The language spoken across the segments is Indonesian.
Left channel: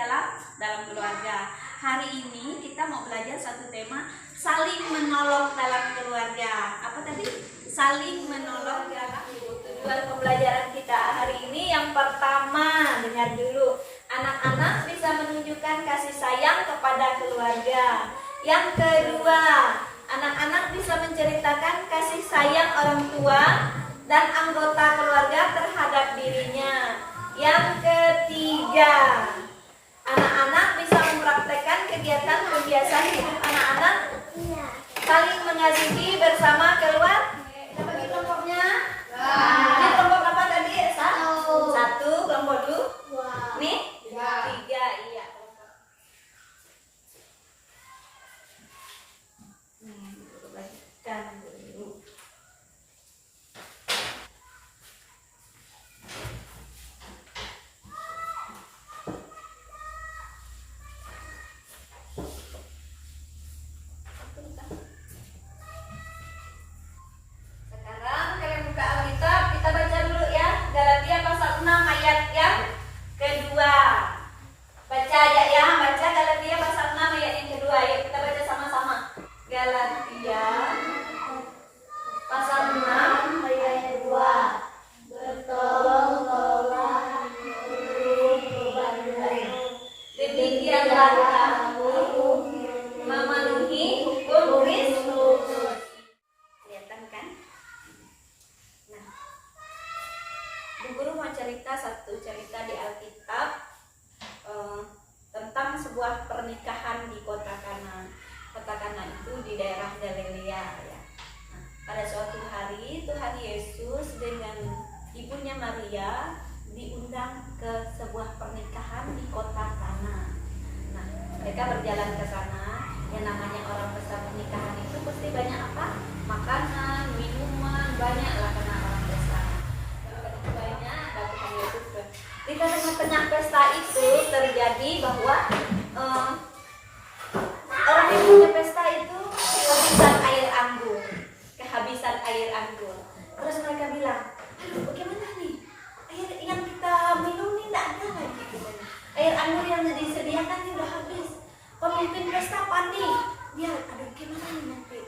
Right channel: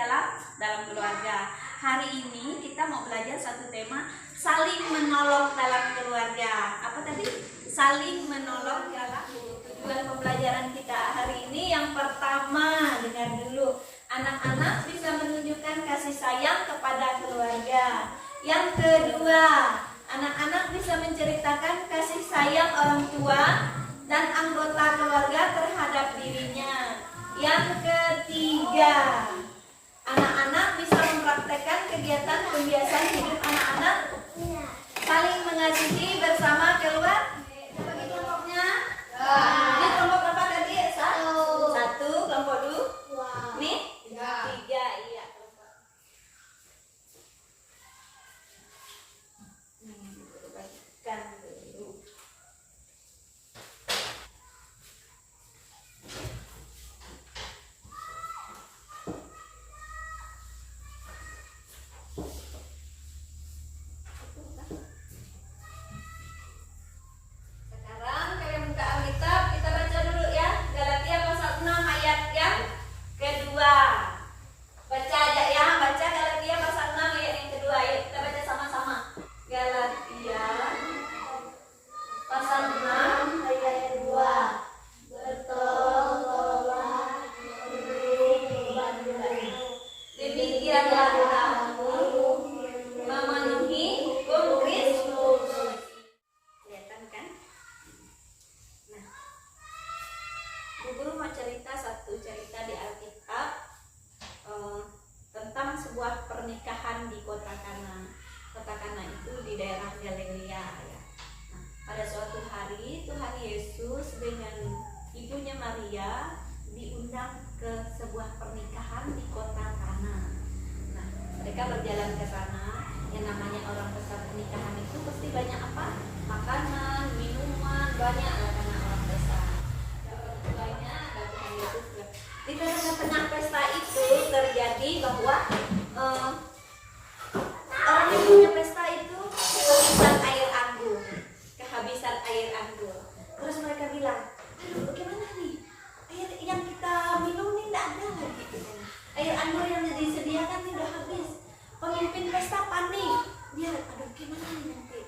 dalam keluarga. Hari ini kita mau belajar satu tema, saling menolong dalam keluarga. Apa tadi? Saling menolong dalam tujuan pembelajaran kita hari ini. Yang pertama, dengar dulu. Anak-anak bisa menunjukkan kasih sayang kepada keluarga. Yang kedua, anak-anak bisa menceritakan kasih sayang orang tua dan anggota keluarga terhadap dirinya. Yang ketiga, anak-anak bisa mempraktekkan kegiatan pembiasaan hidup anak-anak saling mengasihi bersama keluarga. Kita bagi kelompoknya. Ini kelompok apa tadi? Satu, kelompok dua. Nih, tiga, iya. Bagikan dulu. Cerita di Alkitab tentang sebuah pernikahan di kota Kana. Kota Kana itu di daerah Galilea ya. Nah, pada suatu hari Tuhan Yesus dengan ibunya Maria diundang ke sebuah pernikahan di kota Kana. Nah, mereka berjalan ke sana. Yang namanya orang pesta pernikahan itu pasti banyak apa? Makanan, minuman, banyak lah karena orang pesta. Banyak Tuhan Yesus. Di tengah-tengah pesta itu terjadi bahwa orang yang punya pesta itu kehabisan air anggur. Terus mereka bilang, aduh bagaimana nih, air yang kita minum ini tidak ada lagi. Air anggur yang disediakan ini udah habis. Pemimpin pesta panik, dia aduh gimana nih nanti,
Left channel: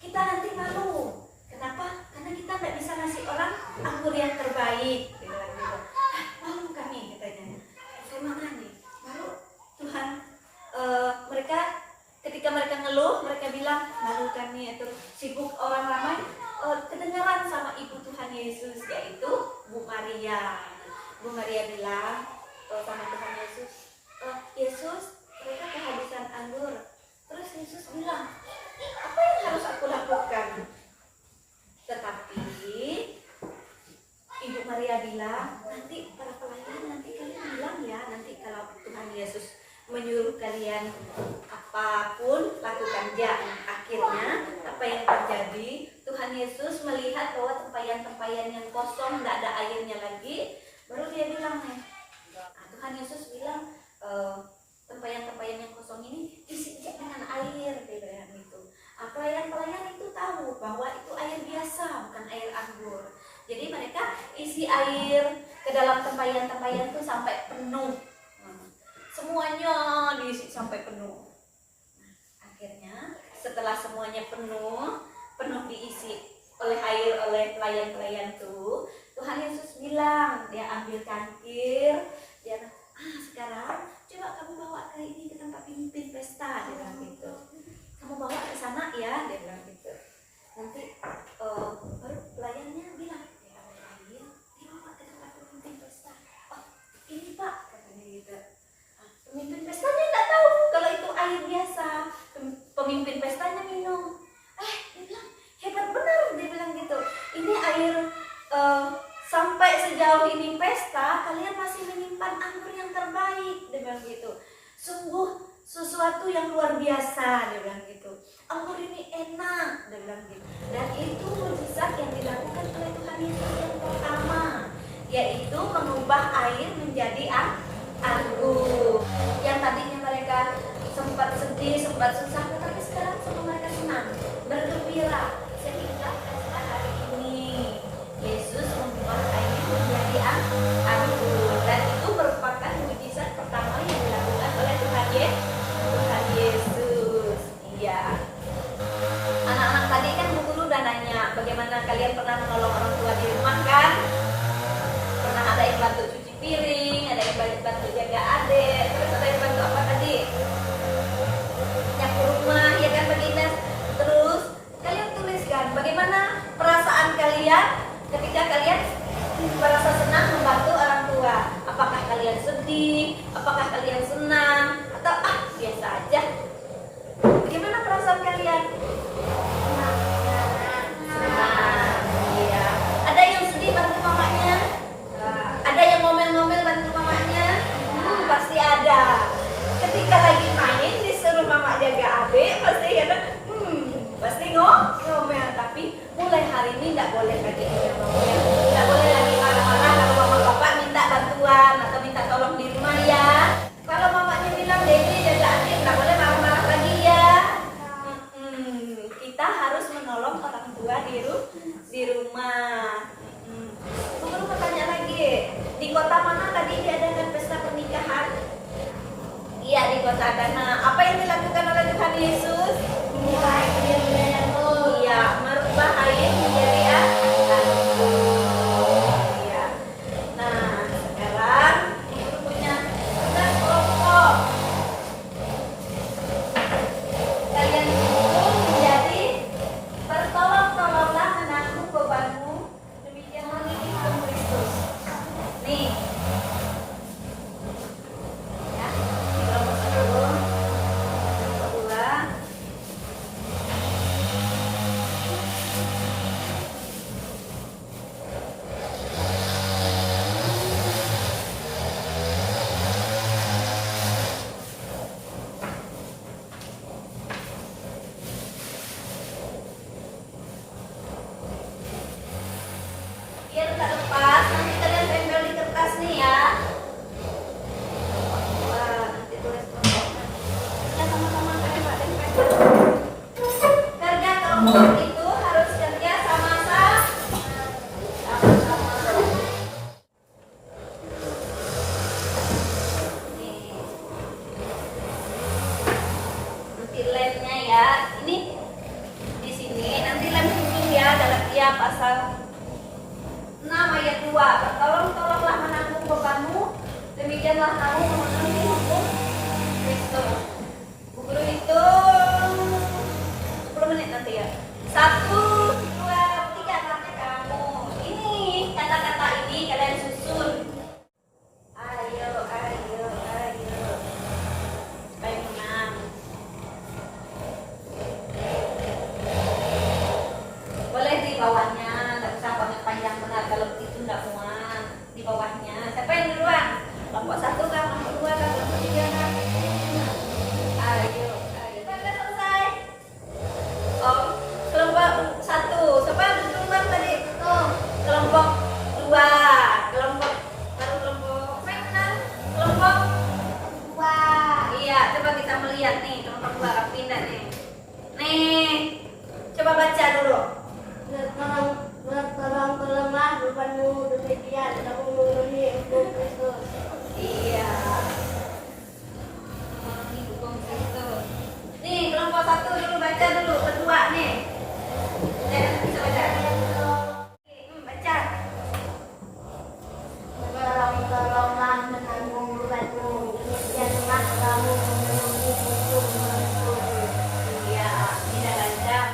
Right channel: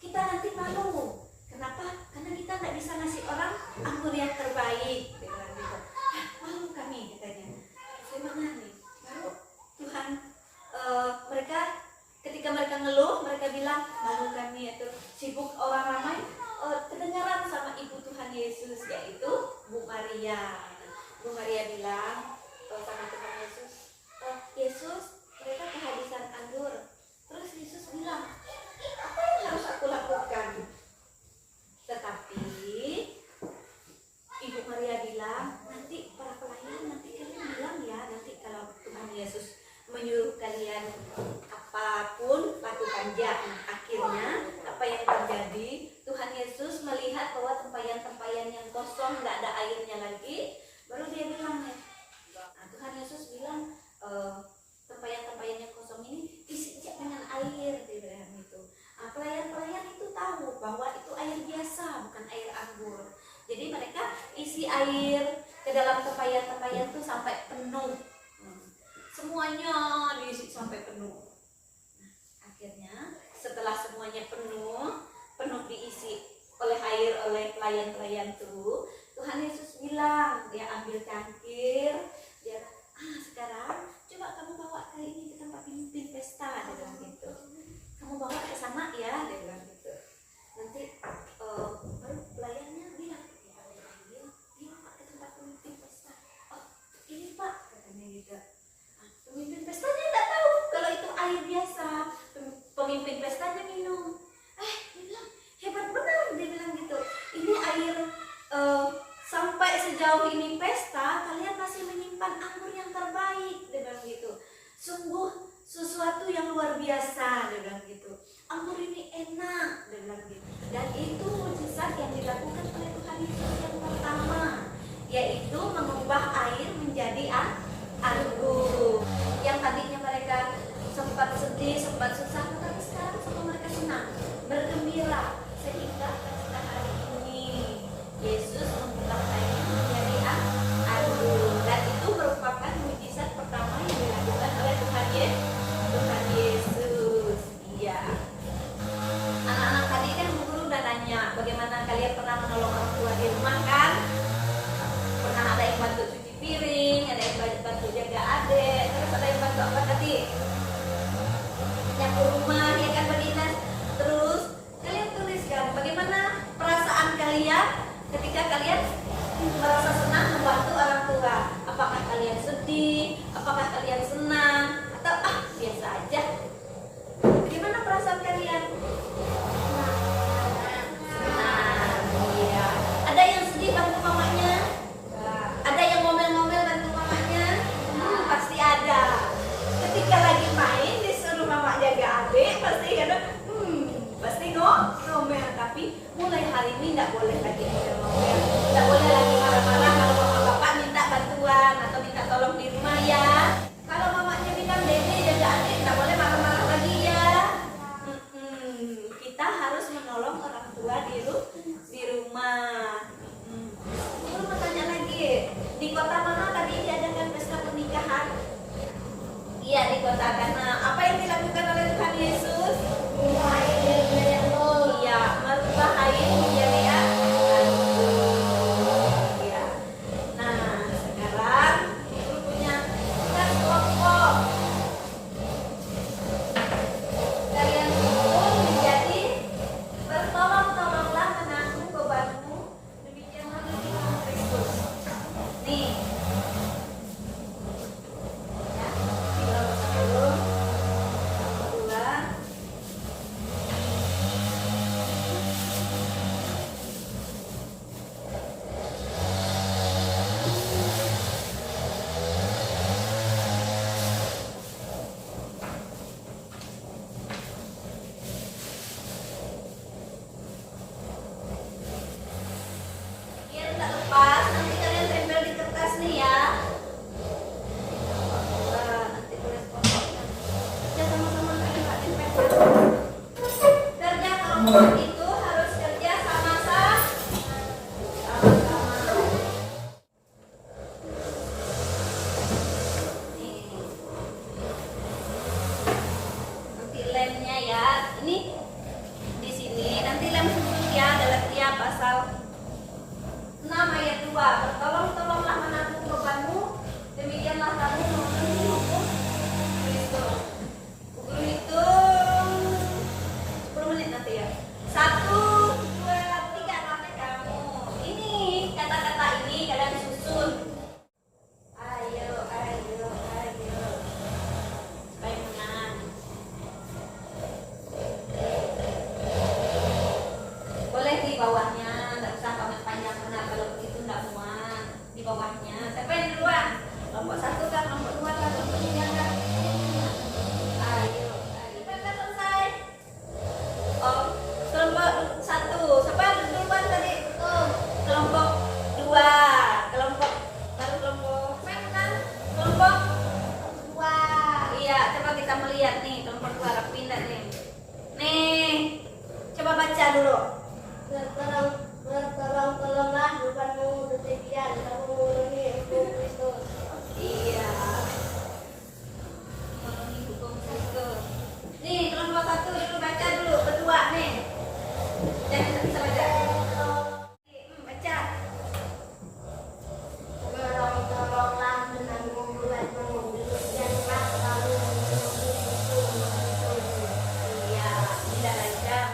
kita nanti malu. Kenapa? Karena kita tidak bisa ngasih orang anggur yang terbaik. Malu kami katanya. Gimana nih? Baru Tuhan ketika mereka ngeluh, mereka bilang malu kami. Terus sibuk orang ramai kedengaran sama ibu Tuhan Yesus, yaitu Bu Maria. Bu Maria bilang sama Tuhan Yesus, Yesus mereka kehabisan anggur. Terus Yesus bilang, apa yang harus aku lakukan? Tetapi Ibu Maria bilang, nanti para pelayan nanti kalian bilang ya, nanti kalau Tuhan Yesus menyuruh kalian apapun lakukan ya. Akhirnya apa yang terjadi? Tuhan Yesus melihat bahwa tempayan-tempayan yang kosong, tidak ada airnya lagi, baru dia bilang Tuhan Yesus bilang tempayan-tempayan yang kosong ini isi dengan air, dia bilang gitu. Pelayan-pelayan itu tahu bahwa itu air biasa, bukan air anggur. Jadi mereka isi air ke dalam tempayan-tempayan itu sampai penuh. Semuanya diisi sampai penuh. Nah, akhirnya setelah semuanya penuh diisi oleh pelayan-pelayan itu, Tuhan Yesus bilang, dia ambil cangkir, dia sekarang coba kamu bawa ke ini, ke tempat pimpin pesta, dia bilang gitu. Kamu bawa ke sana ya, dia bilang gitu. Nanti baru pelayannya bilang, ya ambil air, dibawa ke tempat pemimpin pesta. Oh ini Pak, katanya gitu. Pemimpin pestanya tidak tahu kalau itu air biasa. Pemimpin pestanya minum. Dia bilang hebat benar, dia bilang gitu. Ini air sampai sejauh ini pesta kalian masih menyimpan anggur yang terbaik, dia bilang gitu. Sungguh sesuatu yang luar biasa, dia bilang gitu. Anggur ini enak, dia bilang gitu. Dan itu mujizat yang dilakukan oleh Tuhan Yesus yang pertama, yaitu mengubah air menjadi anggur. Yang tadinya mereka sempat sedih, sempat susah, tetapi sekarang semua mereka senang, bergembira. Sehingga pesta hari ini Yesus mengubah air menjadi anggur. Dan itu merupakan mujizat pertama yang dilakukan sedih? Apakah kalian senang? Atau biasa aja? Bagaimana perasaan kalian? Senang. Iya. Ada yang sedih bantu mamanya? Ada yang ngomel-ngomel bantu mamanya? Pasti ada. Ketika lagi main disuruh mama jaga adik, pasti ada pasti ngomel. Tapi mulai hari ini tidak boleh lagi ngomel, tidak boleh lagi marah-marah kalau mama bapak minta bantuan atau minta tolong di rumah ya. Kalau mamanya bilang Dede jaga adik, tidak boleh marah-marah lagi ya. Kita harus menolong orang tua di rumah. Guru mau tanya lagi, di kota mana tadi diadakan pesta pernikahan? Iya, di kota Adana. Apa yang dilakukan oleh Tuhan Yesus? Iya, merubah air menjadi anggur. Iya. Nah, sekarang Ibu punya tugas kelompok. Kalian itu menjadi bertolong-tolonglah menanggung bebanmu demikianlah Tuhan Kristus. Nih. Ya, di kelompok 1, kelompok 2. Biar tak lepas, nanti kalian tempel di kertas nih ya. Nanti tulis kontaknya. Ya sama-sama kalian tempel. Kerja kelompok itu harus kerja sama-sama. Nih. Nanti lemnya ya. Ini di sini nanti lem khusus ya, Galatia pasal 6 ayat 2. Bertolong-tolonglah menanggung bebanmu, demikianlah kamu memenuhi hukum Kristus. Bu Guru itu 10 menit nanti ya. 1, 2, 3 sampai kamu. Ini kata-kata ini kalian susun. Ayo, ayo, ayo. Supaya menang. Boleh di bawahnya, nggak usah panjang benar kalau itu nggak muat. Di bawahnya. Siapa yang duluan? Kelompok 1 kan, kelompok 2 kan, kelompok 3 kan. Ayo, ayo. Sudah selesai. Oh, kelompok 1. Siapa yang duluan tadi? Kelompok 2. Kelompok baru kelompok mana? Kelompok 2. Iya, coba kita melihat nih kelompok 2 rapiin dah nih. Nih, coba baca dulu. Bertolong-tolonglah bebanmu demikian kamu memenuhi hukum Kristus. Iya. Memenuhi hukum Kristus. Nih kelompok 1 dulu baca dulu, kedua nih. Jangan bisa baca. Baca. Bertolong-tolonglah menanggung bebanmu demikianlah kamu memenuhi hukum Kristus. Iya, tidak lancar.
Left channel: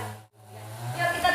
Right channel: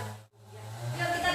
Yuk kita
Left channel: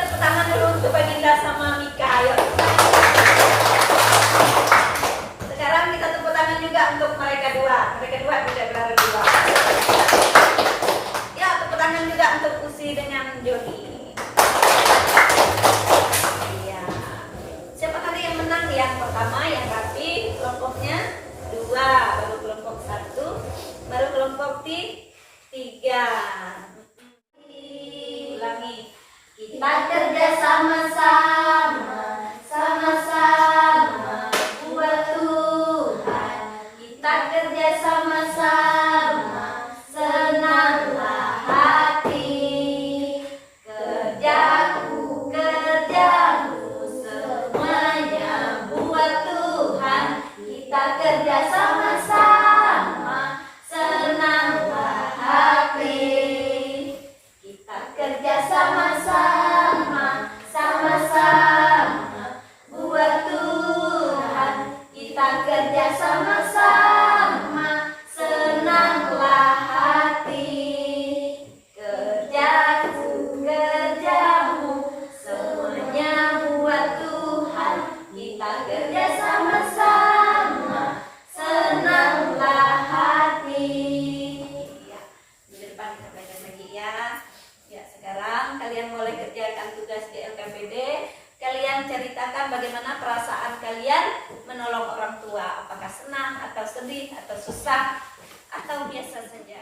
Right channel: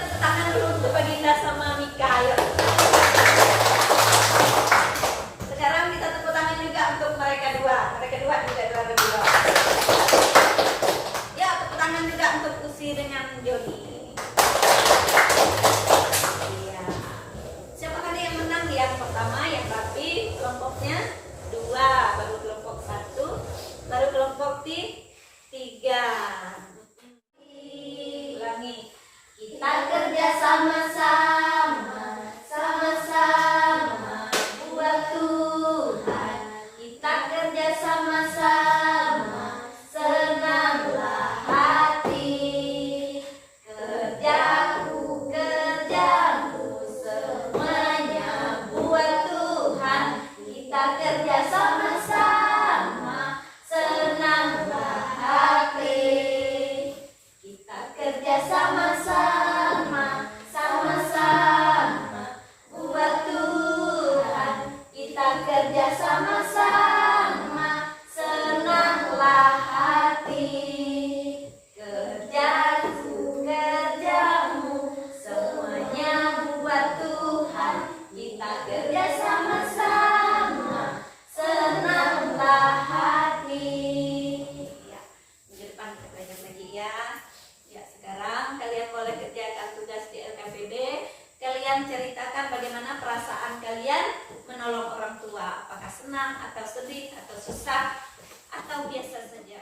atau sedih, atau susah, atau biasa saja.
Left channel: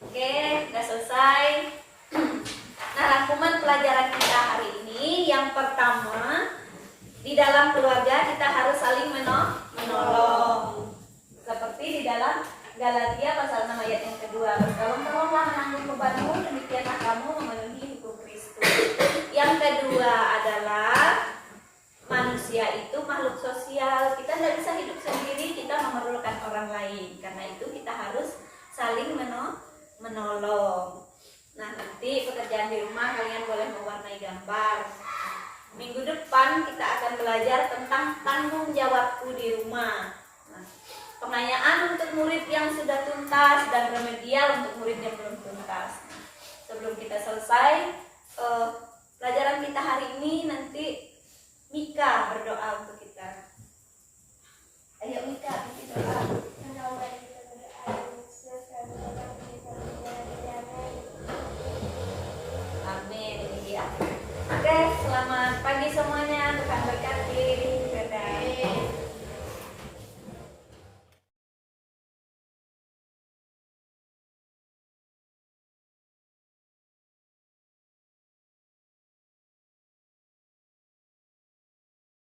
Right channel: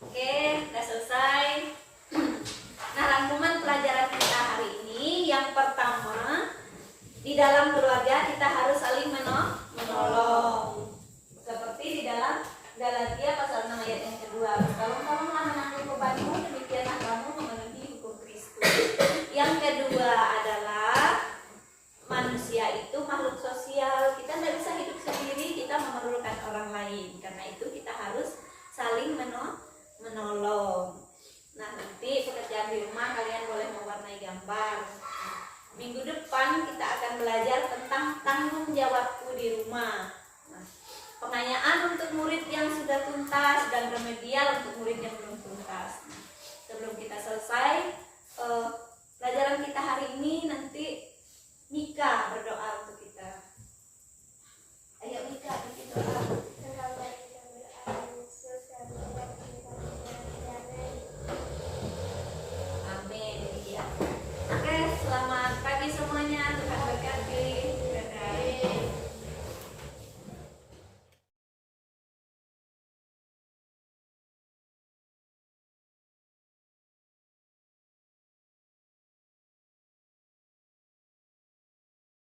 Oke, udah selesai. Nah, rangkuman pelajaran kita hari ini yang pertama, di dalam keluarga kita harus saling menolong. Seperti di dalam Galatia pasal 6 ayat yang kedua, tolong-tolonglah menanggung bebanmu, demikianlah kamu memenuhi hukum Kristus. Yang kedua adalah manusia itu makhluk sosial. Kita tidak bisa hidup sendiri, kita memerlukan orang lain. Karena itu kita harus saling menolong. Nah, nanti pekerjaan di rumah kalian boleh mewarnai gambar. Minggu depan kita akan belajar tentang tanggung jawabku di rumah. Nah, pengayaan untuk murid yang sudah tuntas dan remedial untuk murid yang belum tuntas. Nah, sebelum kita selesai pelajaran kita hari ini, nanti Mika berdoa untuk